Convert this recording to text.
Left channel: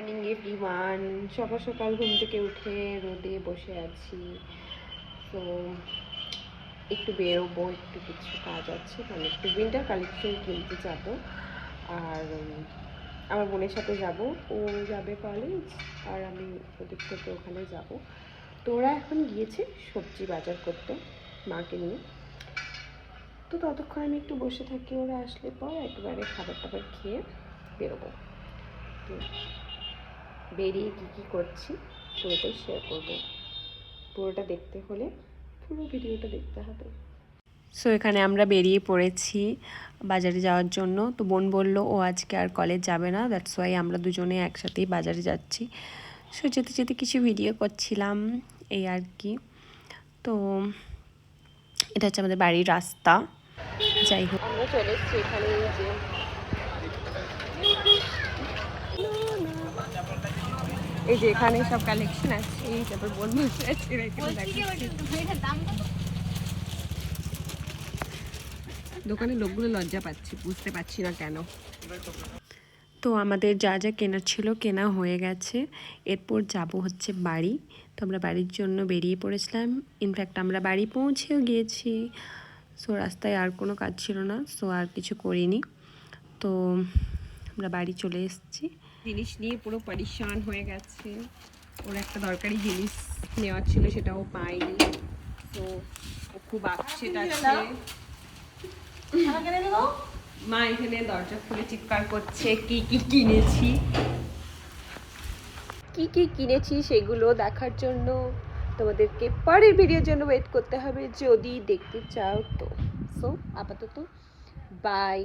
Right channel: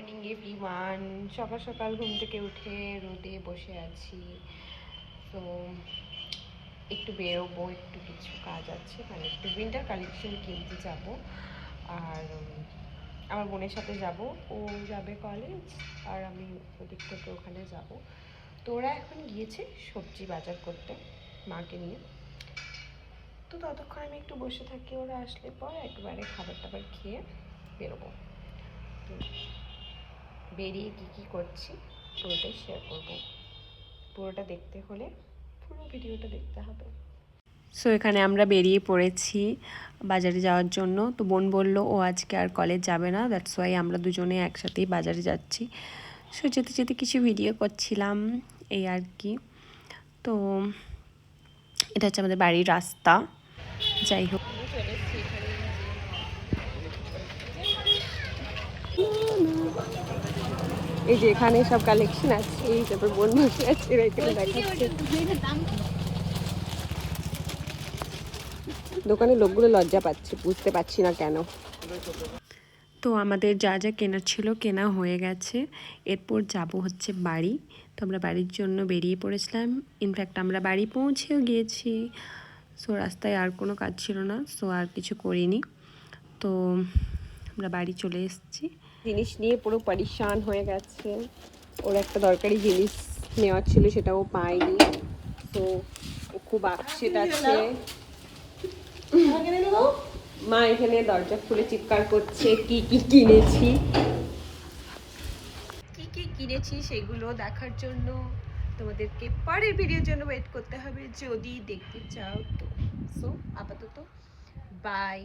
Morning everyone. সকাল সকাল ঘুম থেকে উঠে রোদে বসে আছি। তো একটু বেরোবো, একটু কিছু কাজ আছে, মানে একটু উইন্টার কালেকশন কিনতে যাব। আর আমার বোনের সাথে যাব, ও যাবে কলেজ আর আমি ওদিক থেকে ওখানে যাব। তো ওরা এখন গিয়েছে সবজি বাজার করতে মাকে নিয়ে। তো ততক্ষণ আমি একটু বসে থাকি, ওরা আসলে পর একবারে খাবার টাবার খেয়ে বেরোবো। তো বেরিয়ে কী করছি পুরোটাই শেয়ার করব। পুরোটা দেখতে হলে পুরো ভিডিওটা দেখতে হবে। সো এখানে আমরা বেরিয়ে পড়েছি বাজারে যাওয়ার জন্য। তো বোন বলল ও আজকে আর কলেজ যাবে না, দ্যাটস ওয়াই আমরা দুজনে একসাথেই বাজারে যাচ্ছি। সো যেতে যেতে কিছু ভিডিও করছিলাম, এই আর কি। তো এটা হচ্ছে আমাদের বাড়ির রাস্তা। যাই হোক, আমরা চলে এসেছি এখানে। এই যে এখানে সব কালেকশন আছে, এই যত বোন বসে আছে এখানে দেখাচ্ছে। দোকানের লোকগুলো লজ্জা পাচ্ছে, বুঝতে পারছি না কেন। তো আমাদের যা যা কেনার ছিল কেনা হয়ে গেছে। এরপর যাব হচ্ছে বাড়ি। তো আমরা বাড়ির জন্য বেরিয়ে পড়েছিলাম। ইনফ্যাক্ট আমরা বাড়ি পৌঁছেও গিয়েছি। সো রাস্তায় আর কোনো কাজ ছিল না, সো আর কিছু করিনি। তো আমরা বাড়ি চলে এসেছি। জিনিস নিয়ে পুরো পরিশান হয়ে গেছে। ওর একটা দরকারি জিনিস নেওয়ার ছিল, সেটাও পাইনি। তো ও খুব আপসেট আছে। মা এখানে দরজা খুলে চিৎকার করছে কি কি কিনেছি, কি কি কিনেছি সেগুলো দেখার জন্য তোমাদেরকে পরের ভিডিওর জন্য ওয়েট করতে হবে, যদি দেখতে চাও তো। সো আপাতত বাই।